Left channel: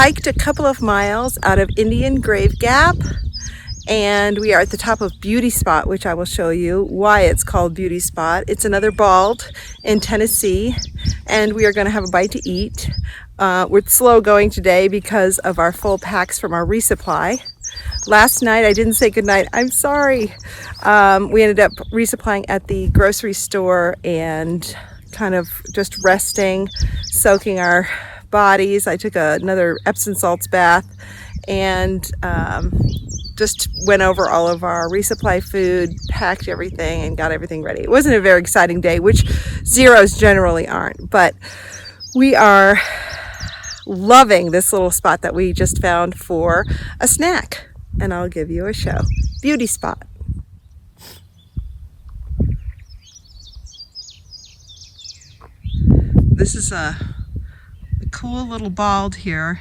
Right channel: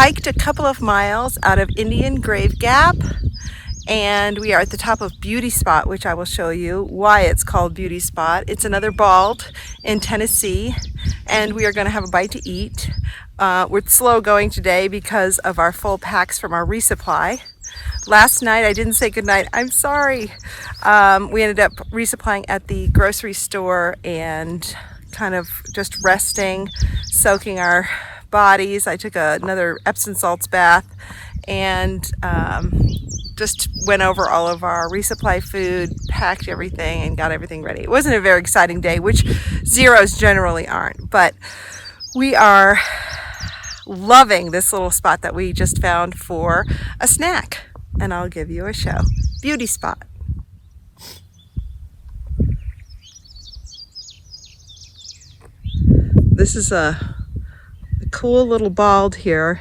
hiked a couple of miles out of Indian Grave Gap, and we are at the top of Beauty Spot, which I will show you why it's called Beauty Spot. It's another bald in Tennessee, and we are going to have a bite to eat. We're slow going today because of our full packs from our resupply. Last night I didn't say goodnight. I'm sorry. We ended up resupplying at the grocery store and kind of just resting, soaking our bodies. I took another Epsom salts bath and just went over all of our resupply food, packed everything, and got everything ready. It wasn't a very exciting day, which zeros generally aren't, but we are loving this little spot that we just found for a snack, and I'll give you a show. Beauty Spot. This is a cool little bald here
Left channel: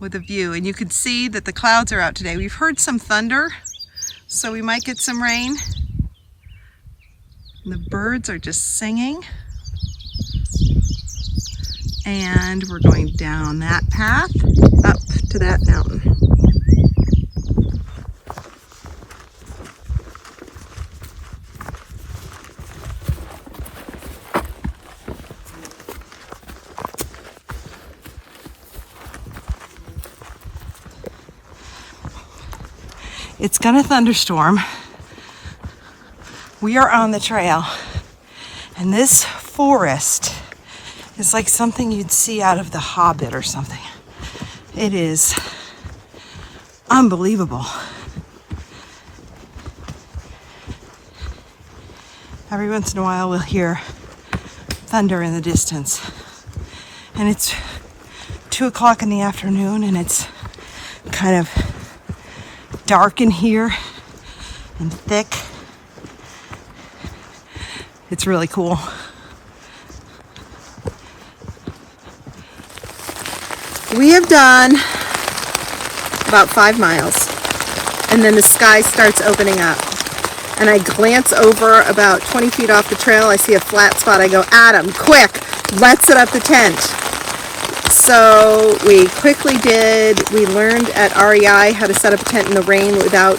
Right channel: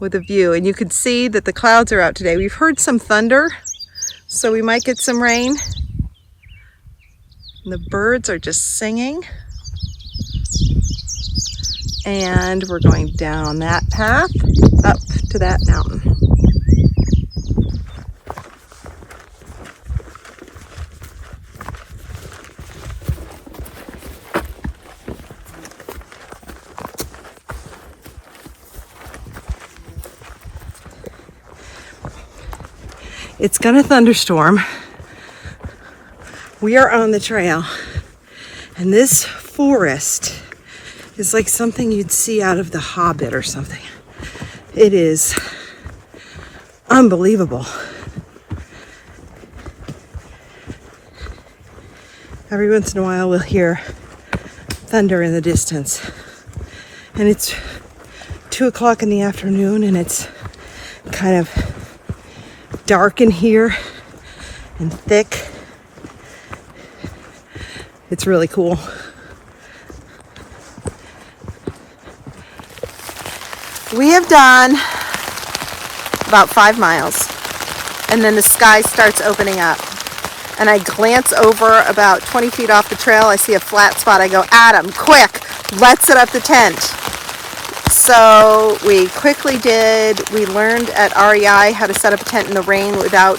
with a view, and you can see that the clouds are out today. We've heard some thunder, so we might get some rain. And the birds are just singing. And we're going down that path up to that mountain. It's gonna thunderstorm. We are on the trail, and this forest is like something you'd see out of The Hobbit or something. It is unbelievable. Every once in a while we'll hear thunder in the distance, and it's 2 o'clock in the afternoon, and it's kind of dark in here and thick. It's really cool. We have done about 5 miles, and then the sky starts opening up, and I glance over about 20 feet off the trail. I see a flat spot. I go, Adam, quick, let's set up the tent. So we quickly did. We learned at REI how to set up a tent in the rain without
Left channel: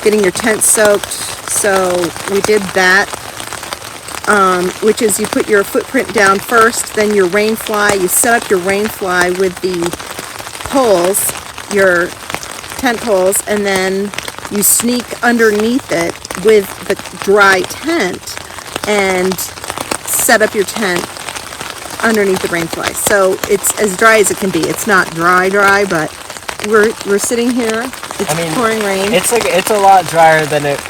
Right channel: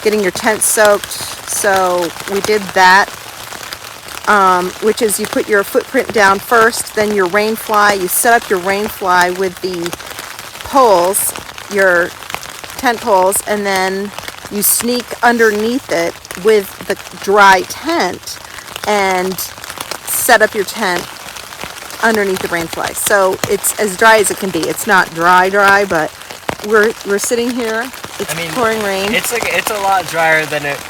getting your tent soaked. So we did that, which is you put your footprint down first, then your rain fly. You set up your rain fly with the poles, your tent poles, and then you sneak underneath it with the dry tent and set up your tent underneath the rain fly. So it's as dry as it can be. It's not dry, but we're sitting here. It's pouring rain. It's a lot drier than it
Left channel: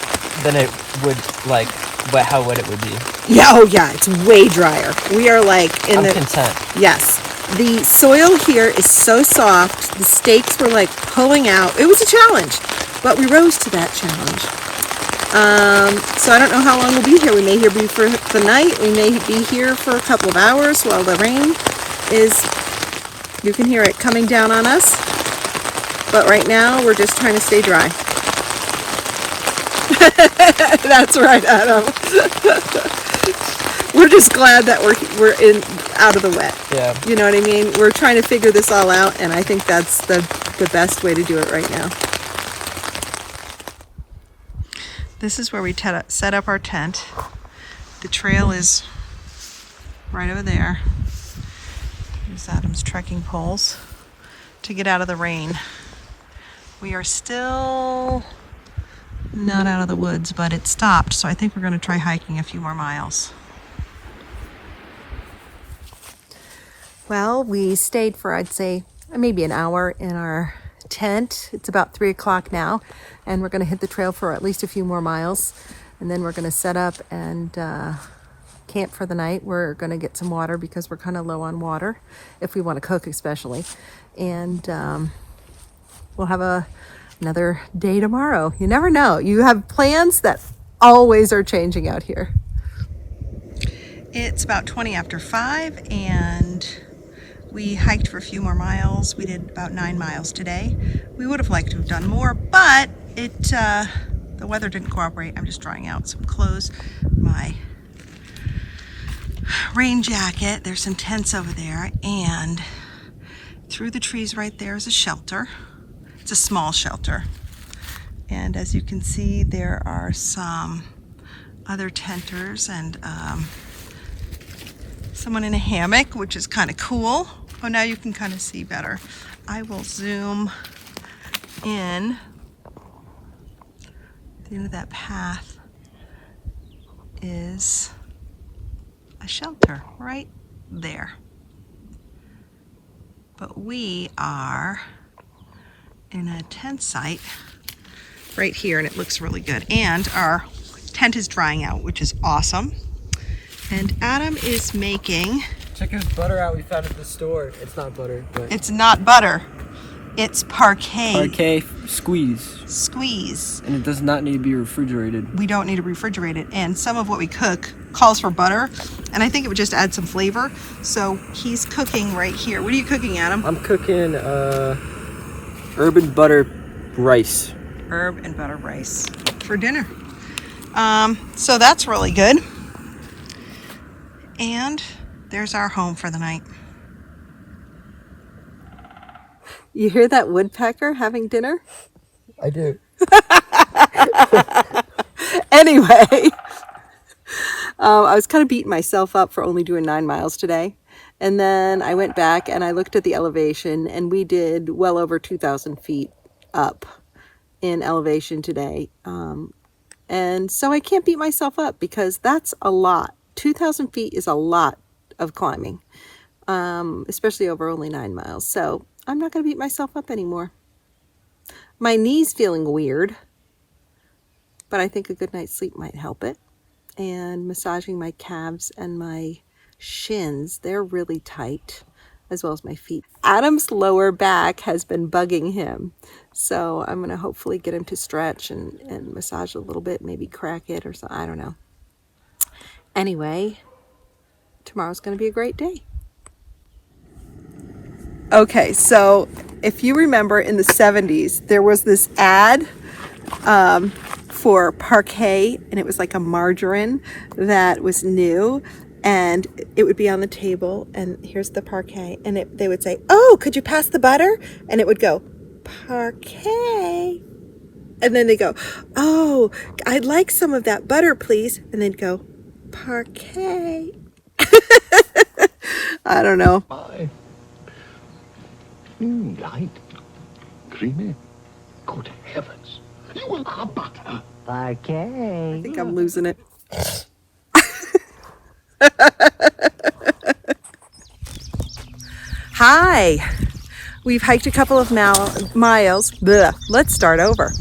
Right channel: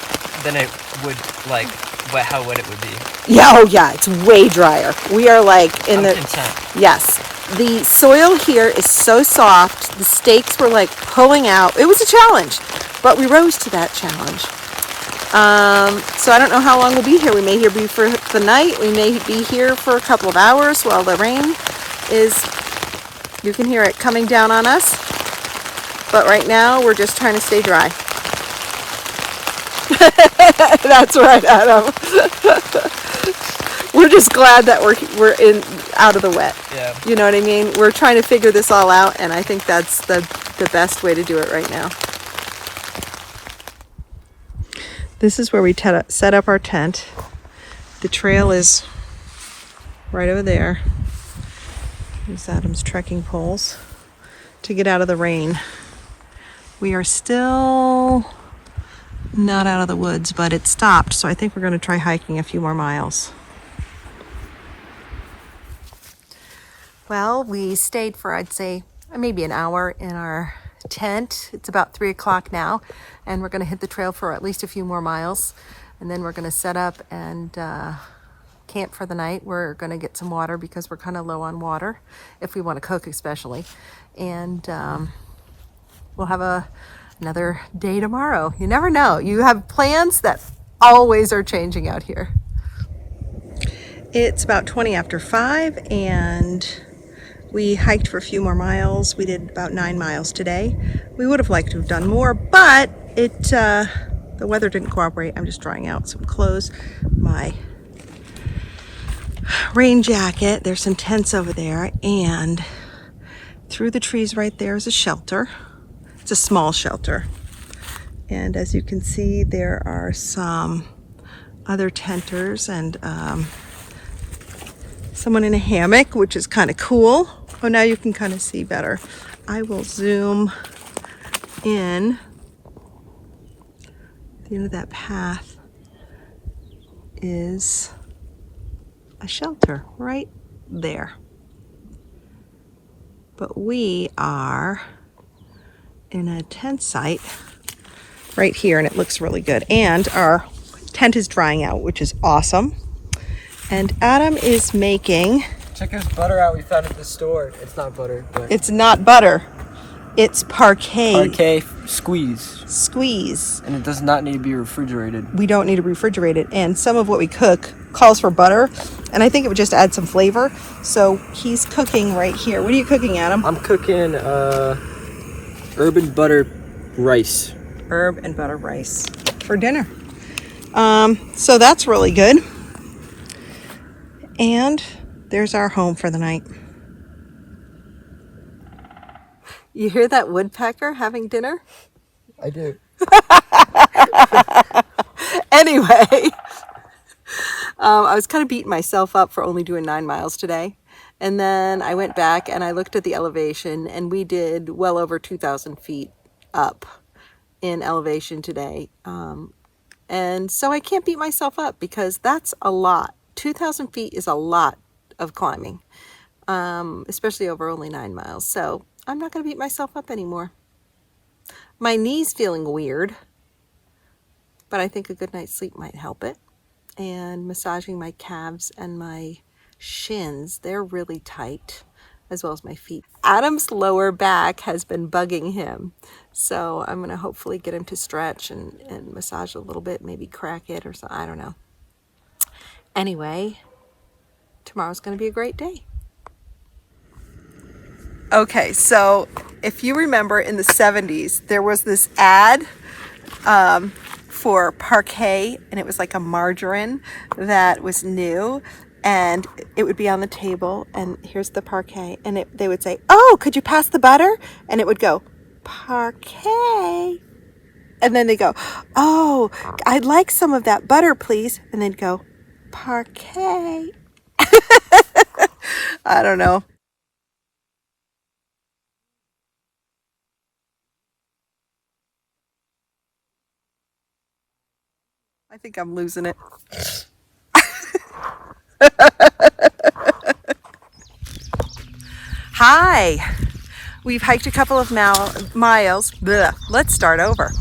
would like. But how would it be? Yeah, oh yeah, it's way drier. We are like in I'm content. Yes. The soil here is so soft. The stakes were like pulling out. It was a challenge, but we rose to that challenge. So I don't know how long we'll be here. We may be for the night. We may be here for a couple of hours while the rain is, you can hear it coming down on us. But right now we're just trying to stay dry. That's right, Adam. We're just glad that we're out of the wet. Yeah. You know what I mean? We're trying to figure this all out, and I think that's the best way to do it right now. This is where we set up our tent. The trail is right over there. There's Adam's trekking poles to get out of the rain. We are still not out of the woods, but it stopped, so I think we're going to try hiking a few more miles. Well, we stayed for, I'd say, maybe an hour in our tent. It's about 3 o'clock now, and we're going to hit the trail for at least a few more miles, and then we're going to set up and camp for the night. We're going to get some water because we're kind of low on water, if we want to cook especially, and we'll have another day tomorrow. You never know. You have plans that always are changing out here. It's about 20 after 5, and we hiked for a few more miles. We did about 9 miles today. We would have liked to have done more, but the weather didn't cooperate. I'm just drying out some clothes. My rain jacket. There's some tents over there, and Through the trees right there is a shelter. It's a small shelter. And as you can see, there are some other tenters and someone in a hammock, which is kind of cool. Oh, now you can kind of see better. I will zoom in. At the end of that path is a shelter right there. But we are in a tent site right here, and it looks really good. And our tent is drying out, which is awesome. And Adam is making... Check this butter out we found at the store. It's not butter, but... It's not butter. It's Parkay. Parkay squeeze. Squeeze. And it does not need to be refrigerated. We don't need to refrigerate it. And some of what we cook calls for butter. And I think it would just add some flavor. So he's cooking right here. What are you cooking, Adam? I'm cooking herb and butter rice. Herb and butter rice for dinner. So that's really good. And there's our home for the night. You hear that woodpecker having dinner? I do. Anyway, I was kind of beating myself up for only doing 9 miles today. And then I went back and I looked at the elevation, and we did well over 2,000 feet up in elevation today. And so I can't beat myself up because that's a lot. 2,000 feet is a lot of climbing, especially over only 9 miles. So I'm not going to beat myself up anymore. My knee's feeling weird, but I think a good night's sleep might help it. And massaging my calves and my shins, they're really tight, as well as my feet. Adam's lower back has been bugging him. So I'm going to hopefully get him to stretch and massage a little bit, maybe crack it or something. I don't know. Anyway, tomorrow's going to be a great day. Okay, so if you remember in the 70s, there was this ad for Parkay, and it was like a margarine that was new, and it would be on the table, and here's the Parkay, and they would say, "Oh, could you pass the butter?" And it would go, "Parkay." And then they go, "Oh, I'd like some of that butter, please." And they'd go, "Parkay." I don't know. Light, creamy. Good heavens. You will have butter. Parkay. I think I'm losing it. Hi. We've hiked a couple of miles. Blech. Let's start over.